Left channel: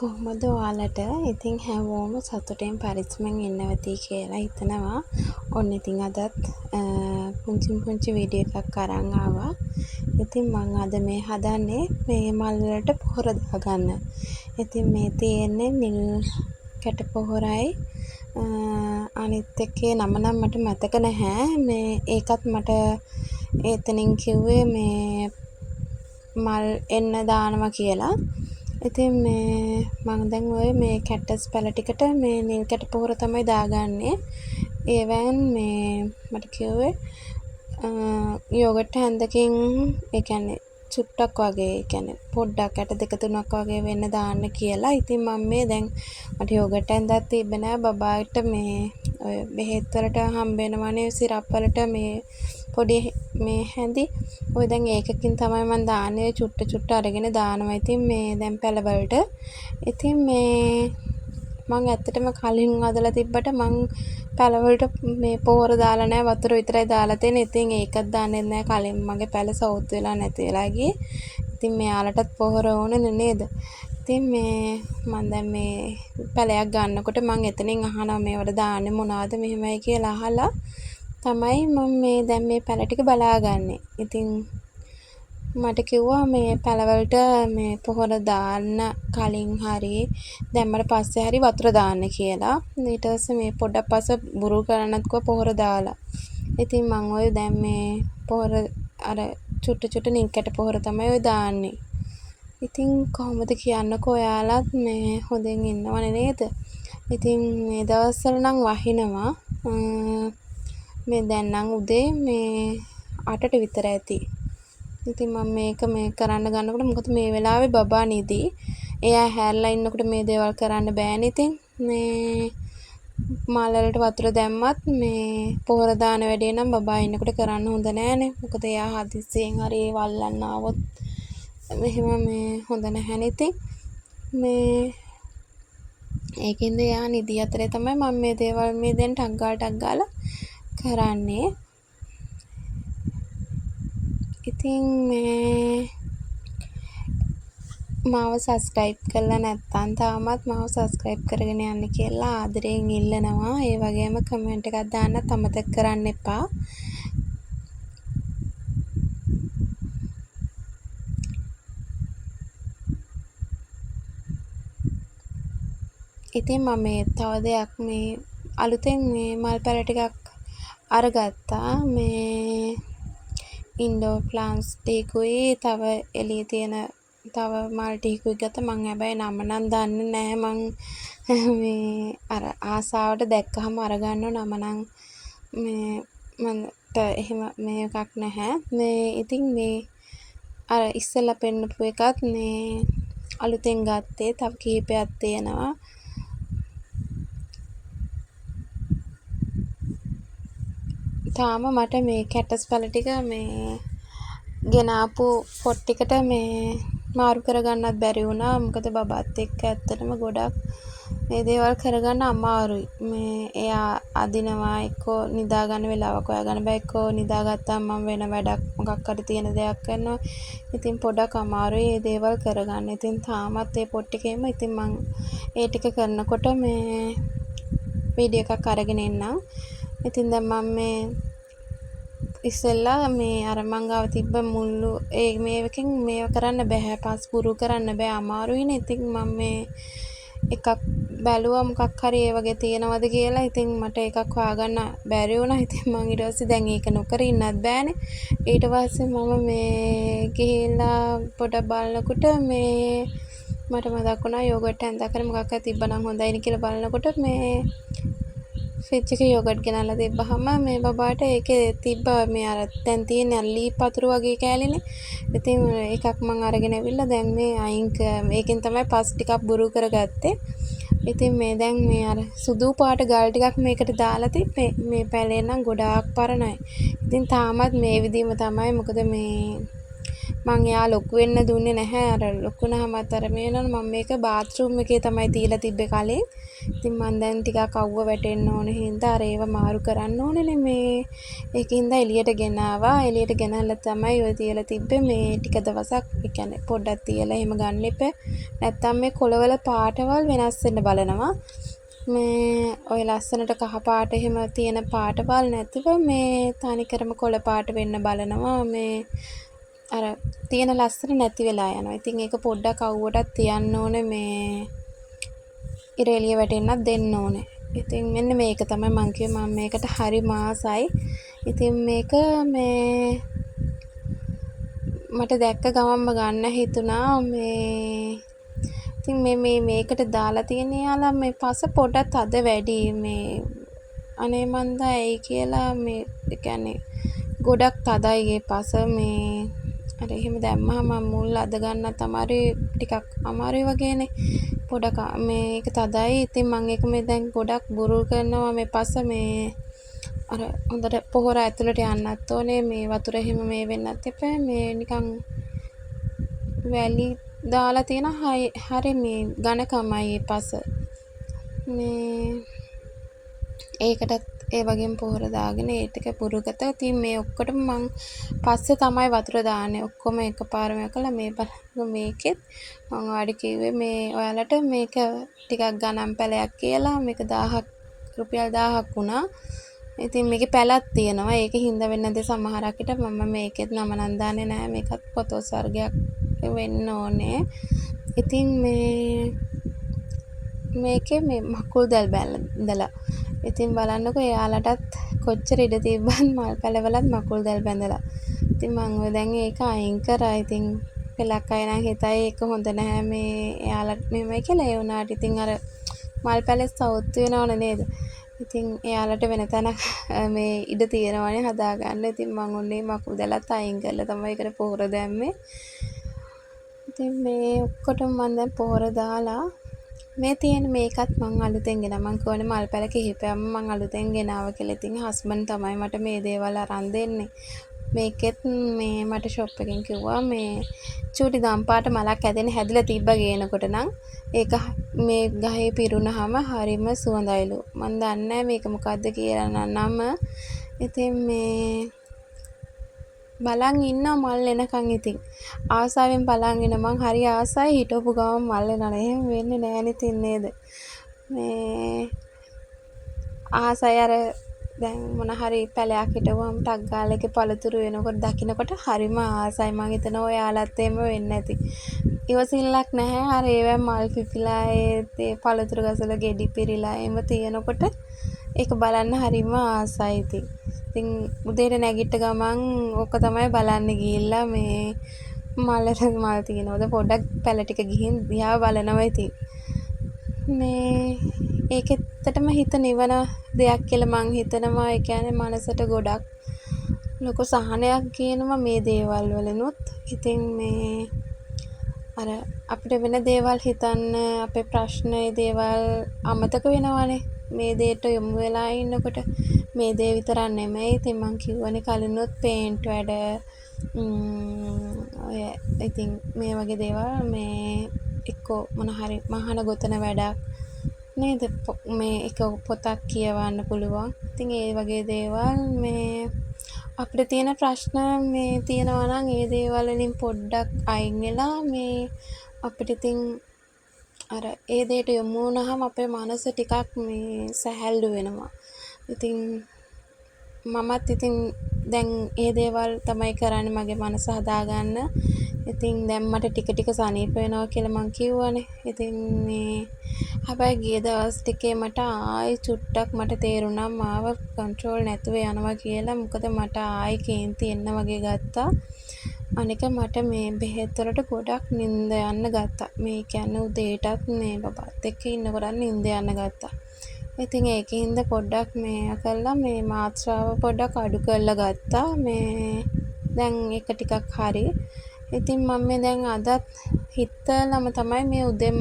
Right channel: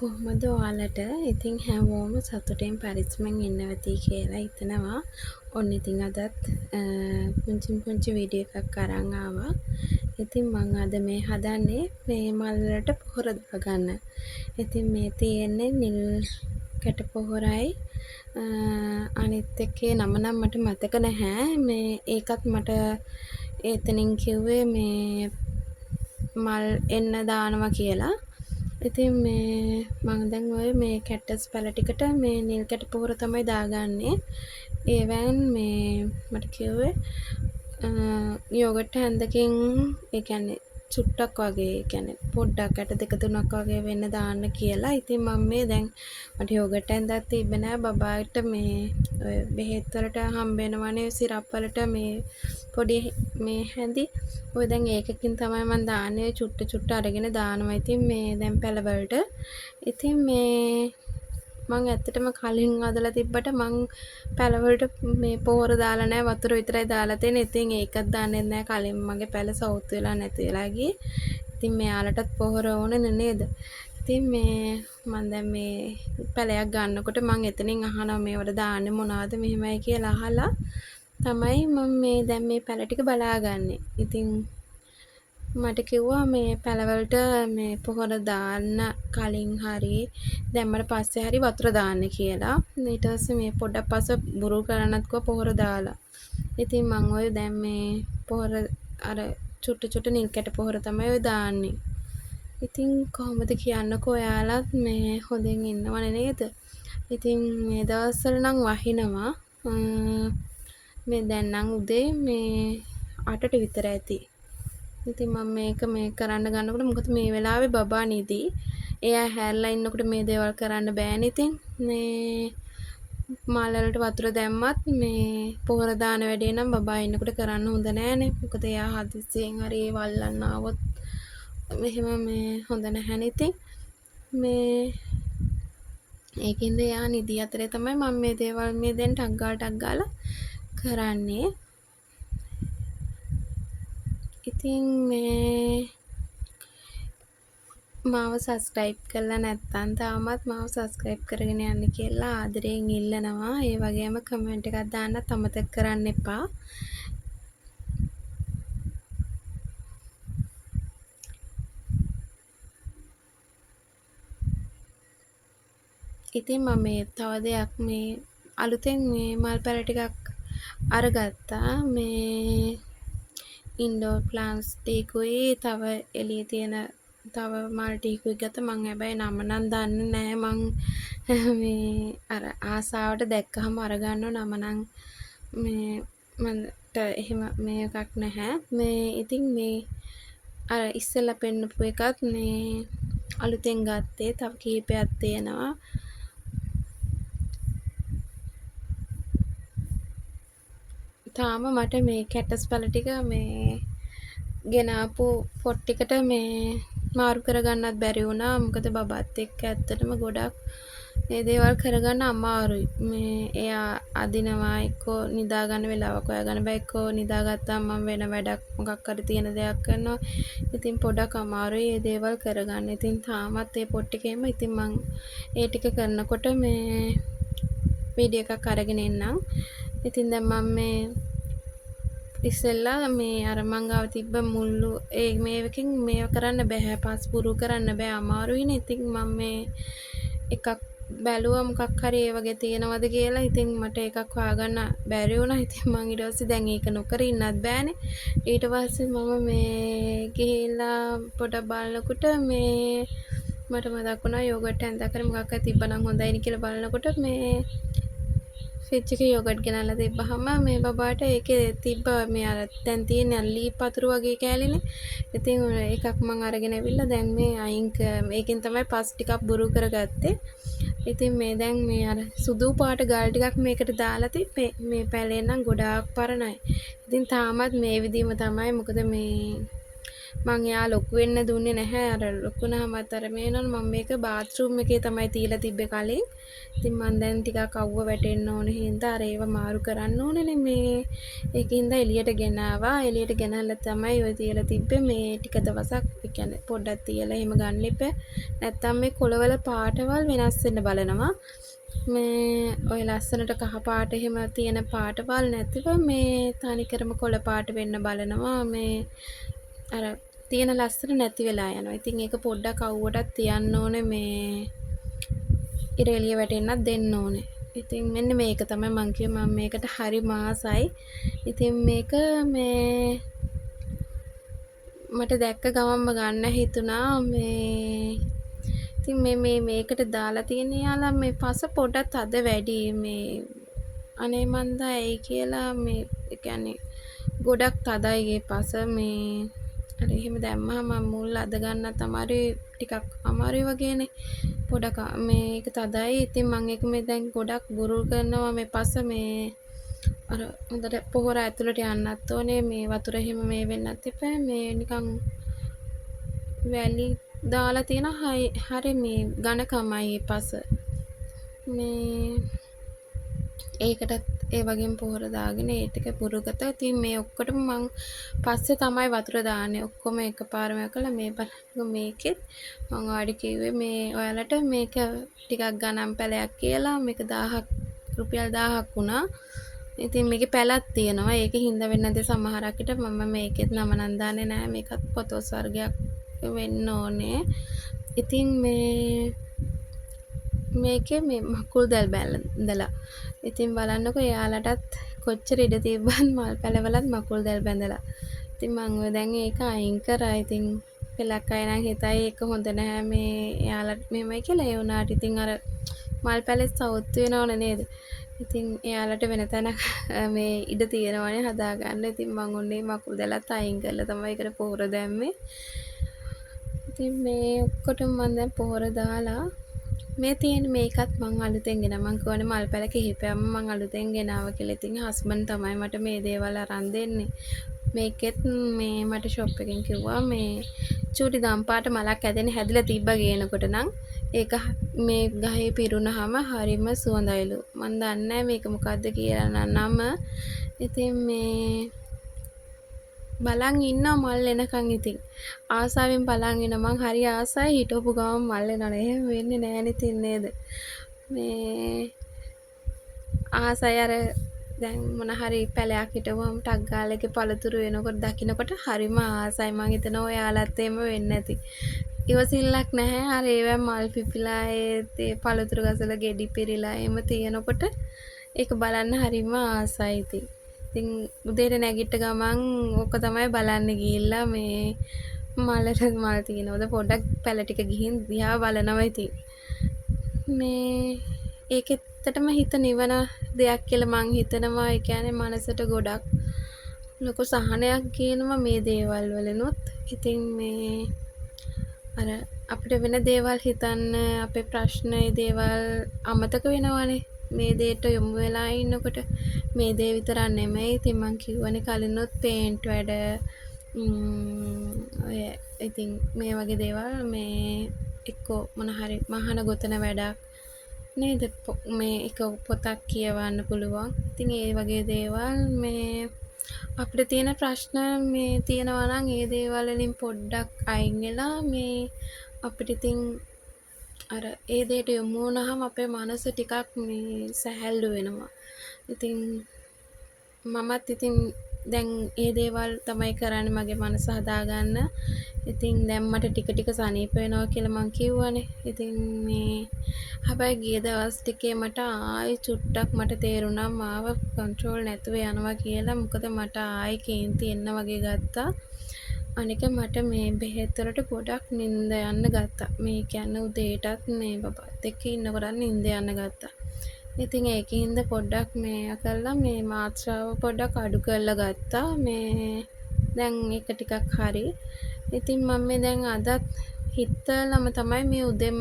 කොහොමද ඔයාලට ඉතින් හැමෝම සතුටෙන් පරිස්සමෙන් ඉන්න ඇති කියලා හිතනවා. ඔන්න ඉතින් අදත් පුංචි වීඩියෝ එකක් අරන් ආවා. ඉතින් මම අද මේ හදන්නේ මේ මල් වලට පොහොර දාගන්න. ඉතින් මේ තියෙන්නේ නිල් කැට පොහොරයි අනිත් එකේ නම නම් මට මතක නැහැ. මේ ඒකත් මට එතනින් කිව්වේ මේ මල් එන්න දානවා කියලා. ඉතින් මේ මම දැන් ඔය මේ කැටස් පැල ටිකට මේ නිල් කැට පොහොර තමයි දාගන්නේ. ඒවෙන් මේ මට කිව්වේ යෝගට් හැන්දකින් ඒ කියන්නේ චුට්ටක් වගේ ඒ කියන්නේ පොඩ්ඩක් ඇට දෙක තුනක් වගේ වෙන්න දාන්න කියලා. ඉතින් මම මේ දැන් මට යෝගට් හැන්දක් තිබ්බ නෑ බබාට මේ ඔය බෙහෙත් වලට හම්බ වෙනවනේ සිරප් වලට මේ පොඩි මේ හැඳි ඔය දැන් ඒකකින් තමයි මම දාන්නේ චුට්ට අරගෙන දානවා. ඉතින් මේ දැන් පැලවලට ඉතින් මේ මම ඇත්තටම කලින් අදලා තිබ්බට මම පැලවලට මේ පොහොර දාලා නැහැ වතුර විතරයි දාලා තියෙන්නේ. ඉතින් ඒකත් දාන්නේ නැහැ කලින් මගේ පැල සවුත් වෙලා නැති වෙලා ගියේ. ඉතින් මෙයාලටත් පොහොර ඕනේ නේද? ඉතින් මේ මම දැන් මේ පැලයක් ගන්නකොට මම එතනින් අහනවා මේවට දාන්නේ මොනවද මෙහෙමයි කියලා අහලා තමයි මම මේ දැන් මේ පැල ටික බලාගන්නේ. ඉතින් මට කිව්වා මේ පැලවලට මේ පොහොර දාන්න කලින් හරි දැම්මට පස්සේ හරි වතුර දාන්න කියලා. ඊට පස්සේ මේ පොඩක් පස්සේ බුරු කරන්නත් කිව්වා පොහොර දාලා. ඉතින් මම ඔය දැන් මේ පොහොර අර චුට්ට නිල් කැට පොහොර තමයි ඔය දාන්නේ. ඉතින් කොහොමද කියන්නකෝ ඔයාලත් මේ හොඳින් ඉන්නවනේ නේද? ඉතින් මේ දවස්වල නම් වහිනවා. මේ දැන් නම් උදේ මේ 8ට විතර ඇති. ඉතින් මම මේක මේ කරන්න ගන්නකොට මොකද මේ වෙලාවේ බබා නිදි. එයා හැරලා ඉන්නකොට මේ දේවල් කරන්න බෑනේ. ඉතින් මේ මල් වලට වතුර දැම්මත් මේ පොහොර දාන වැඩේ නම් බබා ඉන්නකොට කරන්න හොඳ නෑනේ. මොකද එයා හදිස්සියෙන් හරි වල්ලන්න ආවොත් මෙහෙම මේ හොඳ නැහැනේ. ඉතින් මේ ඒකින්ද එයා නිදි අතරේ තමයි මම මේ දේවල් මේ දැන් ටක් ගාලා කරන්නේ. ඉතින් මේ මාව සබස්ක්‍රයිබ් කරලා නැත්නම් තාමත් මාව සබස්ක්‍රයිබ් කරගෙන යන්න කියලා ආදරයෙන් ඉල්ලනවා. ඒ වගේම කමෙන්ට් එකක් දාන්නත් අමතක කරන්න එපා. ඉතින් මම මේ තව දෙයක් මේ අලුතෙන් මේ මල් පැල ටිකක් අරගත්තා. මේ ඉන්ඩෝර් ප්ලාන්ට්ස් ටිකුයි තව එළියේ තියෙන තව මල් ටිකුයි ගත්තා. මම හැබැයි නම නම් දන්නේ නැහැ. මම මේ අර ආසාවට දැක්කහම අරගන්නව නම නම් මේ මන්ට එහෙම මේ එකක් නැහැ. මේ ඉතින් මේ අර ඉස්සෙල්ලා පෙන්නපු එකත් මේ අලුතෙන් ගත්තේ තව කීපයක් තියෙනවා. තාම මට මේ කැටස් පැල ටික මේ ගෙනාපු පොට් ටිකට මේ මාරු කරගන්නත් බැරි වුණා. මොකද බබාත් එක්ක ඇත්තටම ගොඩක් මේ දේවල් කරගන්න අමාරුයි. මේ එයා අදිනවා එක්කෝ නිදා ගන්න වෙලාවක් හොයාගන්න බෑ. එක්කෝ නිදාගත්තාම මම වෙන වැඩක් මොකක් හරි තියෙන දෙයක් කරනවා. ඉතින් පොඩක් අමාරුයි මේ දේවල් කරගන්න. ඉතින් තාමත් මේ පොට් එකේම ඉතින් මම ඒ ටික කරනකොට මේ වීඩියෝ එකක් අරගෙන එන්නම්. ඉතින් දැන් මම මේ ඉස්සෙල්ලා මේ අර මං ගාව තිබ්බ මුල්ලු ඒ මේවකින් මේව කරන්න බෑ. පස්පුරු කරන්න බෑ අමාරුයිනේ. ඉතින් මම මේ එකක් බැලුවා මොකක් හරි ඒ වගේ තියෙනවද කියලා. ඉතින් මට එකක් හොයාගන්න බැරි වුණා. ඉතින් මං ඊට පස්සේ දැන් ඒක නොකර ඉන්නත් බෑනේ. ඊට පස්සේ මම මේ ගිහිල්ලා පොඩක් බලනකොට මේ මට මතක් වුණා යෝගට් හැන්දක් හරි මොකක් හරි තිබ්බනම් හොඳයිනේ කියලා බලනකොට මේ ෆ්‍රිජ් එකේ යෝගට් ගෙනල්ලා තිබ්බහම මේ බබාට ඒකේ තිබ්බා මේ අර දැන් තියෙන ලී පතුරු වගේ කෑලිනේ. ඉතින් එකක් මං අරගෙන ඇවිල්ලා දැන් මේ මේකෙන් තමයි පස් ටිකක් බුරු කරගත්තේ. ඉතින් මේ දැන් මේ අර සුදු පාට ගල් ටිකක් මේකට දාලා තිබ්බේ. මේ පැලේ නම් ගොඩාක් පරණයි. ඉතින් තාමත් මේ විදිහම තමයි. මොකද මේ මං එයා ලොකු වෙන්න දුන්නේ නැහැ. අර ලොකු වුණාමත් අර මේ වෙනවනේ මම මේක බාත්රූම් එකේ තමයි තියලා තිබ්බේ කලින්. ඉතින් මං දැන් ටිකක් අවුව වැටෙන්න ඕන හින්දා අර ඒව මාරු කරන්න ඕනේනේ මේ. ඒකින්ද එළියට ගෙනාවා. එළියට ගෙනල්ලා තමයි ඔය තියලා තිබ්බේ මේ ටික දවසක්. ඒ කියන්නේ පොඩ්ඩක් තියලා එහෙම ගන්න එපා. නැත්තම් මේ කොළවල පාටවල් වෙනස් වෙන්න බලනවා. මේ ඔය ලස්සනට කහ පාට එහෙම තියෙන පාටවල් නැතිව මේ තනිකරම කොළ පාට වෙන්න බලනවා. මේ අර තියෙන ලස්සන නැති වෙලා යනවා. ඉතින් ඒක පොඩ්ඩක් අවුවටත් තියන්න ඕනේ මේ ඉර එළිය වැටෙන්නත් දෙන්න ඕනේ. ඉතින් මෙන්න මේක තමයි මං කිව්වේ මම මේකට හරි මාසයි. ඉතින් මේක මේ මට දැක්ක ගමන්ම ගන්න හිතුණා මේ ඉතින් මේකට දාලා තියෙන යාලා මේ පස පොඩක් තද වැඩි මේ අනේ මන්දා ඇයි කියලා මේ ඒ කියන්නේ ගොඩක් තදයි ඒ පස මේ අර එහෙම දැම්මහම මුල් අද ගන්නත් අමාරුයි ටිකක් අමාරුයි වගේනේ පොඩක් මේක තදයි ඉතින් මම ඒක මේ දැන් ගොඩක් බුරුල් කරනවා මේ පස මේ අර හොඳට පොහොර ඇතුළට යන්නත් ඕනේ මේ වතුර එහෙම මේ වෙන්නත් එපා මේ නිකන් වැලි දාලා තියෙන හරි මේ ඝනකමයි පස මේ ඒකටත් ඒ වගේම පොහොර දාගෙන ඒ ටික පුරුගත. ඉතින් මේ ඔක්කොටම මං පස්සේ තමයි වතුර දාන්නේ. ඔක්කොම එකපාරම කළා මේ බලන්න මේකෙත් මං ඔයාලට කිව්වේ මේ ඔයාලට මේක ටිකක් ගණන් පැලයක් කියලා මේක 1000ක් රුපියල් 1000ක් වුණා. ඉතින් මේකේ පැලක් තියෙනවා. ඒක හින්දා වෙන්නේ නැද්ද සමහරකට මම මේකෙත් නම නම් දාන්නේ නැහැ. මේකත් පොතොස් වර්ගයක් වෙන්න ඕනේ. ඉතින් මේකේ මේ මකුල් දැල් බැඳලා ඉතින් බලන්නකෝ එයාලටත් කොච්චර ඉඩ තිබ්බත් මල් පැලවලත් මකුල් දැල් බැඳලා. ඉතින් මම ඔය දැන් ඒක අයින් කරා. ඉතින් පෙලක් අය නම් හිතයි ඒක හොඳ නැහැ මේ එයාලට මෙහෙමයි කියලා. ඒ වුණාට ඉතින් අර මල් පැලේ සවුත් වෙනවනේ නේද? ඉතින් එයාලට වෙන තැනක් මේ ඉඩ තියෙනවනේ හදාගන්න. ඉතින් මම ඔන්නේ මකුල් දැලත් අයින් කරලා තමයි ඒකට පොහොර දැම්මේ. ඉතින් මේ ඔක්කොටම මම දැන් පොහොර දාලා මේ තියෙන මේකත් මං අලුතෙන් ගෙනා මං කියවනේ මල් පැල කිහිපයක්ම මං අලුතෙන් ගෙනාව කියලා. ඉතින් හස්බන්ඩ් තමයි මට මේ දේවල් අරන් දෙන්නේ. මේකෙත් මේ මට ෂොප් එකකින් කිව්වා මේ චූටි දම් පාට මලක් ඇදෙන හැදිලා තිබ්බ ගේනකොට නම් ඒක මේ ගහේ පිරුණාම හරිම සුවඳයිලු. මං දන්නේ නැහැ මේක මොකද්ද කියලා නම. ඉතින් මේ බලන් ඉන්නවා මල් එනකන් ඉතින් ආසාවෙන් බලන් ඉන්න මං හරි ආසයි හිටවපු ගමන් මල් එනවනේ එහෙම වෙන්නේ නැහැ ඉතින් නේද මේ ආසයි අර දැන් මොන හරි පැලයක් හිටවුවම ටක් ගාලා එකේ පළතුරු වෙනකොට දකින්නකොට හරිම ආසයි මං හිතනවා ඔයාලත් එහෙම වෙන්නේ නැති ඉවසිල්ලක් නැහැ අර ඒවා මල් පිපිලා ඒ පළතුරු ගසල ගෙඩි පිරීලා එහෙම තියෙනකොට ඒක බලන්න හරිම ආසයි ඉතින් උදේට නැගිට ගමන් ඕක තමයි බලන්න ගිහිල්ලා මේ මලට මල් තියෙනවද පොඩ්ඩක් පැල ටික ගිහින් දිහා බලනවා ඉතින් මේ ඒකෙත්තටම හිත නිවන දෙයක් කියලා මං හිතනවා ඒ කියන්නේ මනසට ගොඩක් ලොකු සහනයක් කියනවා මේ දේවල් වලිනුත් ඉතින් මේ අර අපිට වෙන දේවල් හිතන්න අපේ ප්‍රශ්න ඒ දේවල් අමතක වෙනවනේ මේ දේට යොමු වෙලා ඉන්නකොට මේ දේ විතරක් නෙමෙයි ඉතින් මං කිව්වනේ කලිනුත් පේන්ට් වැඩ ඔය ඉතින් මේ වගේ දේවල් මේ එක්කෝ මොන හරි මහන ගොතන වැඩක් නේද මේ එක පොතක් කියවන්න පුළුවන් ඉතින් ඒ වගේ දේවල් මේ අපිට තියෙන ප්‍රශ්න මේ තියෙනවා නම් ඒ දේවල් වලින් පොඩ්ඩක් අයින් වෙලා මේ අපිට ඉතින් අර ඒ දෙයට යොමු වුණාම අපේ මනස ටිකක් මේ සැහැල්ලු වෙනවා. ඉතින් මමත් ඉතින් දැන් ඒ දේවල් තමයි කරන්නේ මගේ මනස හදාගන්න. ඉතින් දැන් මට ටික ටික සනීප වෙනවා කියලා මං කිව්වනේ. ඉතින් මේ හැබැයි ගිය දවස් ටිකේ මට ආයි චුට්ටක් මට තේරුණා මාව කන්ට්‍රෝල් නැතුව යනවා කියලා. මොකද මට ආයි කේන්ති එන්න වගේ ගත්තා. අනික මට මේ බෙහෙත් වලට ගොඩක් නිින්ද යන්න ගත්තා. මේ කියන්නේ උදේටත් මේ බබාත් එක්ක ඉන්නකොට නිින්ද යන්න ගත්තා. ඉතින් ඒකින්ද පොඩ්ඩක් මේ කළා මේ මාත්‍රාව පොඩ්ඩක් අඩු කරලා ගත්තා. මේ දැන් ඒක ටිකක් හරි. ඉතින් මම මේ දැන් අදත් හිතලම තමයි මේ උදෙන්ම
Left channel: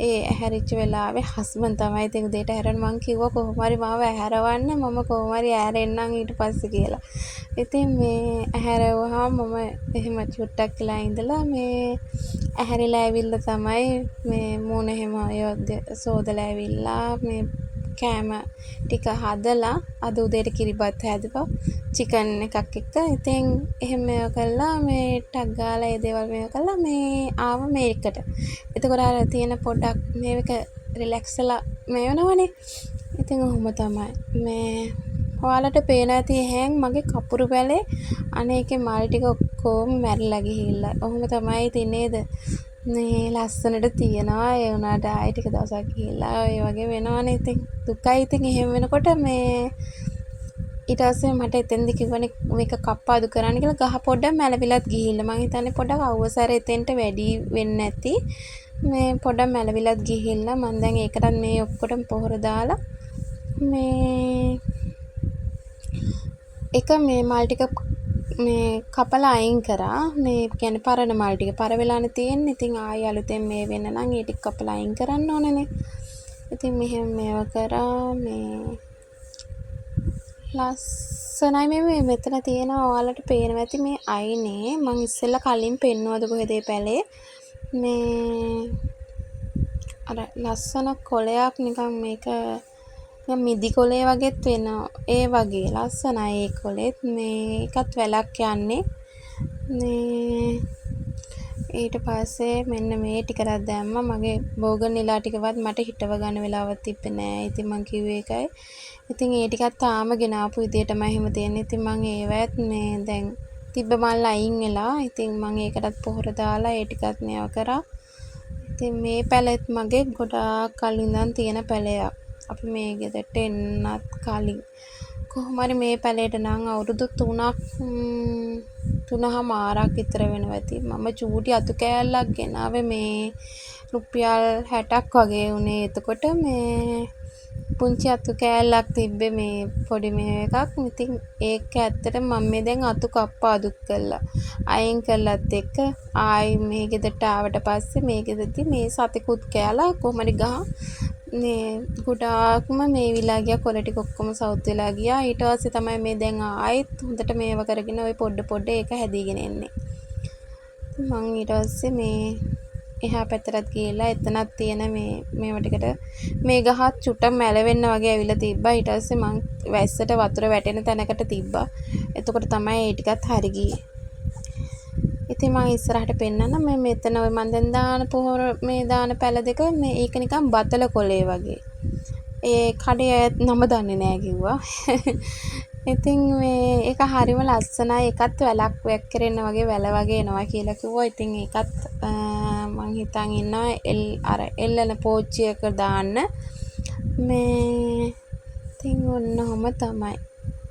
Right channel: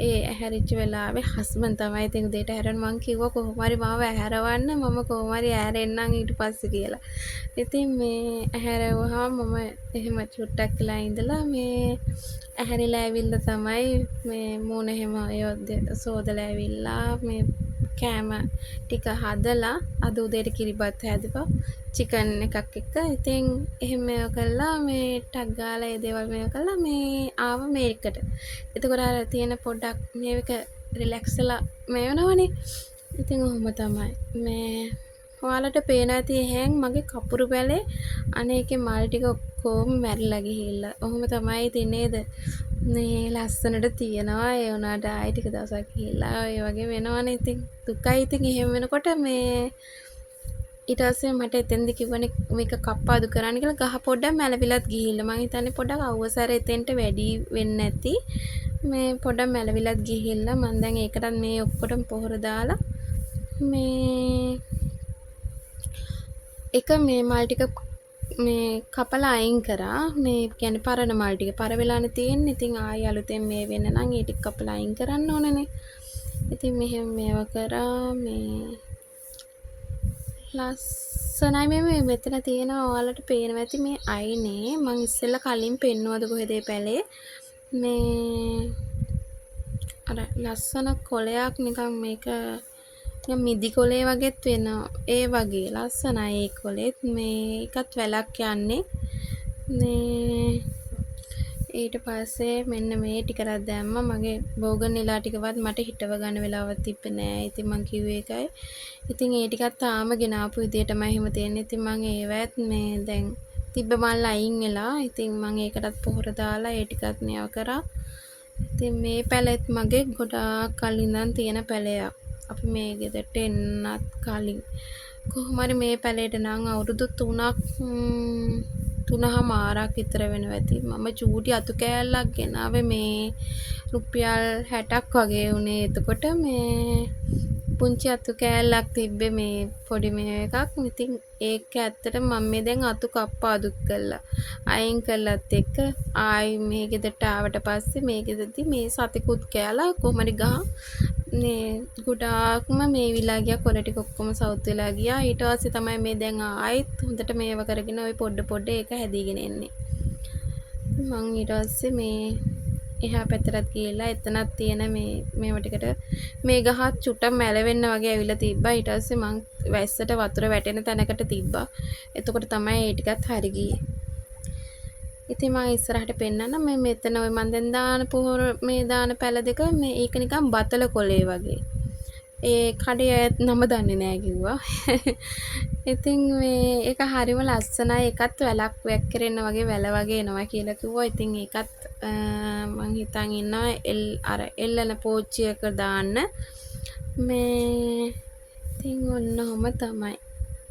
ඒ ඇහැරිච්ච වෙලාවේ හස්බන්ඩ් තමයි ඉතින් උදේට ඇහැරෙන්න මං කිව්වා කොහොම හරි මාව ඇහැරවන්න මම කොහොම හරි ඇහැරෙන්නම් ඊට පස්සේ කියලා. ඉතින් මේ ඇහැරෙව්වහම මම එහෙම චුට්ටක් වෙලා ඉඳලා මේ ඇහැරිලා ඇවිල්ලා තමයි මේ මූණ එහෙම සෝදලා ඇවිල්ලා මේ කෑම ටික හදලා අද උදේට කිරිබත් හැදුවා චිකන් එකක් එක්ක. ඉතින් එහෙම මේව කළා මේ ටක් ගාලා ඒ දේවල් මේව කළා මේ ආව මේකට. එතකොට අර තියෙන පොඩ්ඩක් මේක රිලැක්ස්ලා මේ වෙනවනේ. ඉතින් ඔහොම තමයි. මේ ඔයාලට පේන ඇති එහෙන් මගේ කපුරු පැලේ අනේකේ මල් ටික ඔක්කොම මැරිලා ගිහිල්ලා. ඔහොම තමයි ඉතින් නේද? මේ ලස්සනට තියෙනවා ඒ වුණාට ආයෙ ටික දවසක් ගිහිල්ලා ඒ වගේ වෙනවනේ ඉතින් දුකයි ඉතින් එහෙම වෙනකොට මේ ඊට පස්සේ මට එතෙන්දි කිව්වනේ මේක කප්පාදු කරන්න කියලා ගහ පොඩ්ඩක් මැලවිලත් ගිහිල්ලා මං හිතන්නේ පොඩ්ඩක් අවසර එතෙන්ට වැඩි වෙන්නේ නැති මේ පොඩ්ඩක් මැලවිලත් ගිහිල්ලා මං දැන් ඒකටත් මේ ඔක්කොටම පොහොර දාලා මේ එක මේ මල් ටික මේ කපලා අයින් කරා මේ කියන්නේ පරණ මල් ටික පර වෙලානේ තියෙන්නේ. ඉතින් ආයෙ අලුතෙන් මේ වෙන්න නම් ඒ ටික කපලා අයින් කරන්න ඕනනේ. ඉතින් මෙහෙම මේව කරා මේ ලස්සනයි මේ මෙතන තියෙනවා ඔයාලට පේනවා ඇති මේ අයිනේ මං ඉස්සෙල්ලා කලින් පෙන්නුවද කොහෙද පැලේ මේ අර ලස්සන කොලයක් නිකන් මේක මිදි කොලේ වගේත් වෙනවා ඒ වගේ ලස්සනයි ඒ කොලෙත් මේකත් වැලක් යන්නේ මේ ඊට පස්සේ මෙන්න මේ ටිකක් දැම්මා මගේ බෝගන් නිලා ටිකවත් මට හිටව ගන්න වෙලාවක් තිබ්බේ නෑ ඉතින් මං කිව්වේ ඒකයි ඉතින් ඒ ටිකත් තාම ගෙනාපු විදියටමයි එහෙම තියෙන්නේ ඉතින් මං ඒවත් මේ දැන් තිබ්බ මල් අයින් වෙලා ඉතින් මං ඒකටත් පොහොර දාලා ඒ ටිකත් මේව කරා ඉතින් මේ පැලෙත් මගේ ගොඩාක් කලින් ඉඳන් තියෙන පැලයක් අපි මේ ගෙදරට එන්නත් කලින් කොහොම හරි මේ පැලේට නම් අවුරුදු 3මාරක් විතර වෙනවා ඇති මම චූටි අතු කෑල්ලක් ගෙනාවේ මේ රුපියල් 60ක් වගේ උනේ එතකොට මේ පුංචි අතු කෑල්ලක් තිබ්බේ මේ පොඩි මේ එකක් ඉතින් ඒක ඇත්තට මම මේ දැන් අතු කප්පාදු කළා අයින් කළත් එක්ක ආයි මේ ගෙදරට ආවට පස්සේ මේ ගෙදරදී මේ සතෙකුත් කෑලා කොහමද ගහ මේ ගොඩාක්ම මේ විලා ගියා කොළ ටික ඔක්කොම සවුත් වෙලා ගියා ඊට පස්සේ තමයි මේ දැන් ආයෙත් හොඳට මේව කරගෙන ওই පොඩ ඒක හැදීගෙන එන්නේ මං ඊට පස්සේ මේ එහා පැත්තට ගිහිල්ලා එතනක් තියෙන මේව ටිකට මේ ගහත් චුට්ටක් මැලවෙන්න වගේ ඇවිල්ලා තිබ්බා ඊට පස්සේ මං වැස්සට වතුර වැටෙන තැනකට තිබ්බා එතකොට තමයි ඒ ටිකත් හරි ගියේ ඉතින් මම ඉස්සරහට පෙන්නන්න මේ මෙතන ඔය මන් දැන් දාන පොහොර මේ දාන පැල දෙක මේ ඒක නිකන් බතල කොලේ වගේ ඒ කඩේ නම දන්නේ නැහැ කිව්වා ඉතින් මේ ඒක හරිම ලස්සනයි ඒකත් වැලක් වැක්කිරෙන්න වගේ වැල වගේ එනවා කියලා කිව්වා ඉතින් ඒකත් මං හිතන් ඉන්නවා අර එල්ලන පෝච්චියක දාන්න මේ ඉතින් ඔන්නෝම තමයි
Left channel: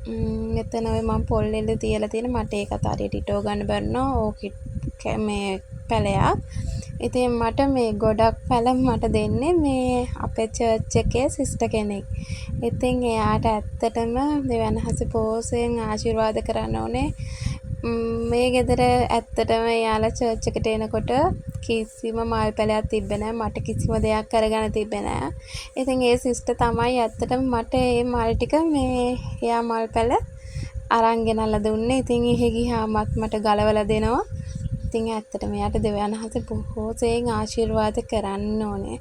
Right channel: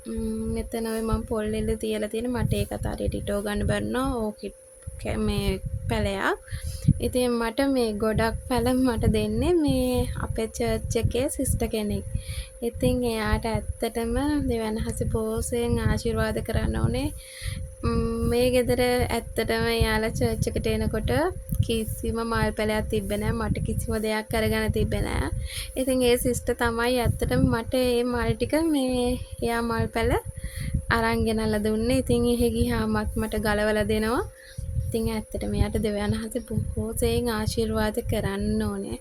මෙතන ඔය මම පොල් එල්ල තියලා තියෙන මට ඒකත් හරියට ඉටව ගන්න බැන්නා ඕකෙත් මේ පැලයක් ඉතින් මට මේ ගොඩක් පැල මට දෙන්නේ මේ අපේ චර්ච් එකේ සිස්ටර් කෙනෙක් ඉතින් එයාට ඇත්තටම දෙවනහස පෝසෙන් ආශිර්වාද කරන්න ඕනේ මේ ගෙදර ඇත්තටම යාලා චර්ච් එකට එනකොට කිසිම මල් පැලයක් තිබ්බේ නැහැ මට කිසිම දෙයක් කරගන්න තිබ්බේ නැහැ. ඉතින් ඒ සිස්ටර් තමයි ඇත්තටම මට මේ මල් ටික මේ එයා මල් පැල අරන් ගෙනල්ලා දුන්නේ. ඉතින් එහෙ ගියාමත් මට ගලවලා දෙනවා. ඉතින් ඇත්තටම එයාට දෙවියන්හස බොහෝසෙන් ආශිර්වාද කරන්න ඕනේ.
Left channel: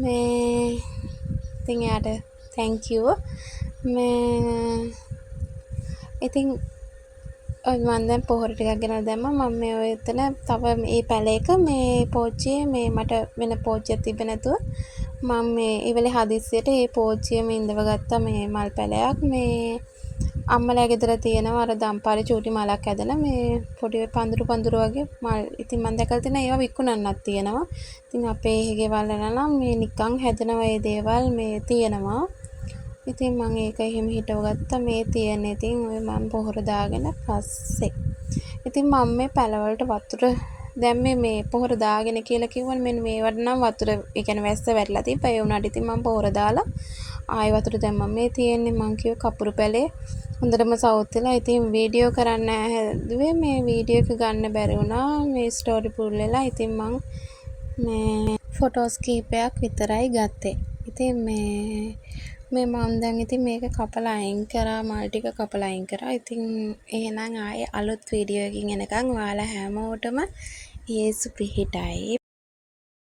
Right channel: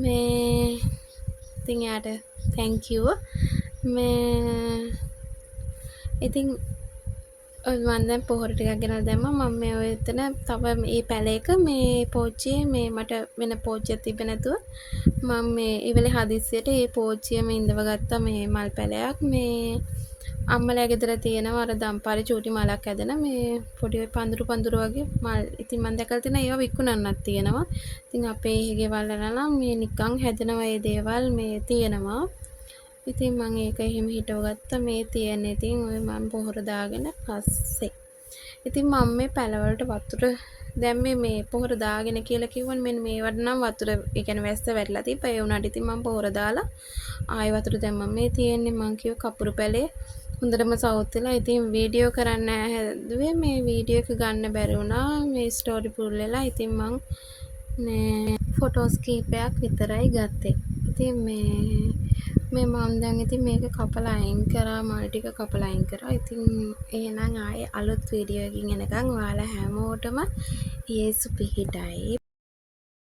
මේ ඉතින් එයාට thank you. මේ ඉතින් මම දැන් පොහොර ටිකක් ගෙනල්ලා දැම්මා මම මේ ඔය එතන තව මේ පැලේක මේ පෝච්චියේ මේ මට වෙන පෝච්චියක් තිබ්බේ නැතුව මම මේ ඉවලේ හදිස්සියට මේ පෝච්චියම ඉඳව ගත්තා මේ මල් පැලයක් මේ අම්මලා ගෙදර තියෙනවා අර දම්පාරේ චූටි මලක් ඇදලා මේ පොඩි පඳුරු වගේ මල් ඉතින් මම දැකලා තියෙනවා ඒවා විකුණන්නත් තියෙනවා ඉතින් අපේ එහෙ ගෙවල් වල නම් මේ නිකන් හැදෙනවා මේ දේවල් මේ තියෙනවා ඉතින් මම ඒක එහෙම හිටව ගත්තා මේ තියෙන ඉතින් ඔය මම පොහොර දාගෙන පස්සේ ඉතින් මම මේ පැලවලට වතුර දැන් මේ පොහොර දාගෙන කියලා කිව්වනේ මෙන්න මේවට නම් වතුර ඒ කියන්නේ වැස්ස වැටලා තිබ්බා ඒ උනාට ඉතින් මම පොහොර දාලා ආයෙ වතුර දැම්මා මේ තියෙන්නේ මං කිව්ව කපුරු පැලේ හොඳටම සවුත් වෙලා. ඉතින් වීඩියෝ කරන්න හැදුවේ මේ වීඩියෝ එක ගන්න බැරි වුණා. මේ ස්ටෝරි පුල් වෙලා. ඉතින් මං මේ ෆොටෝස් කීපයක් විතරයි ගත්තේ. ඉතින් මේ මම දැන් ඉතින් මේක කපලා අයින් කරා, මල් ටික කපලා අයින් කරා. ඉතින් එහෙනම් ආයේ අලුත් වීඩියෝ එකකින් එනකන් ඔයාලා හැමෝටම යේසු පිහිටයි.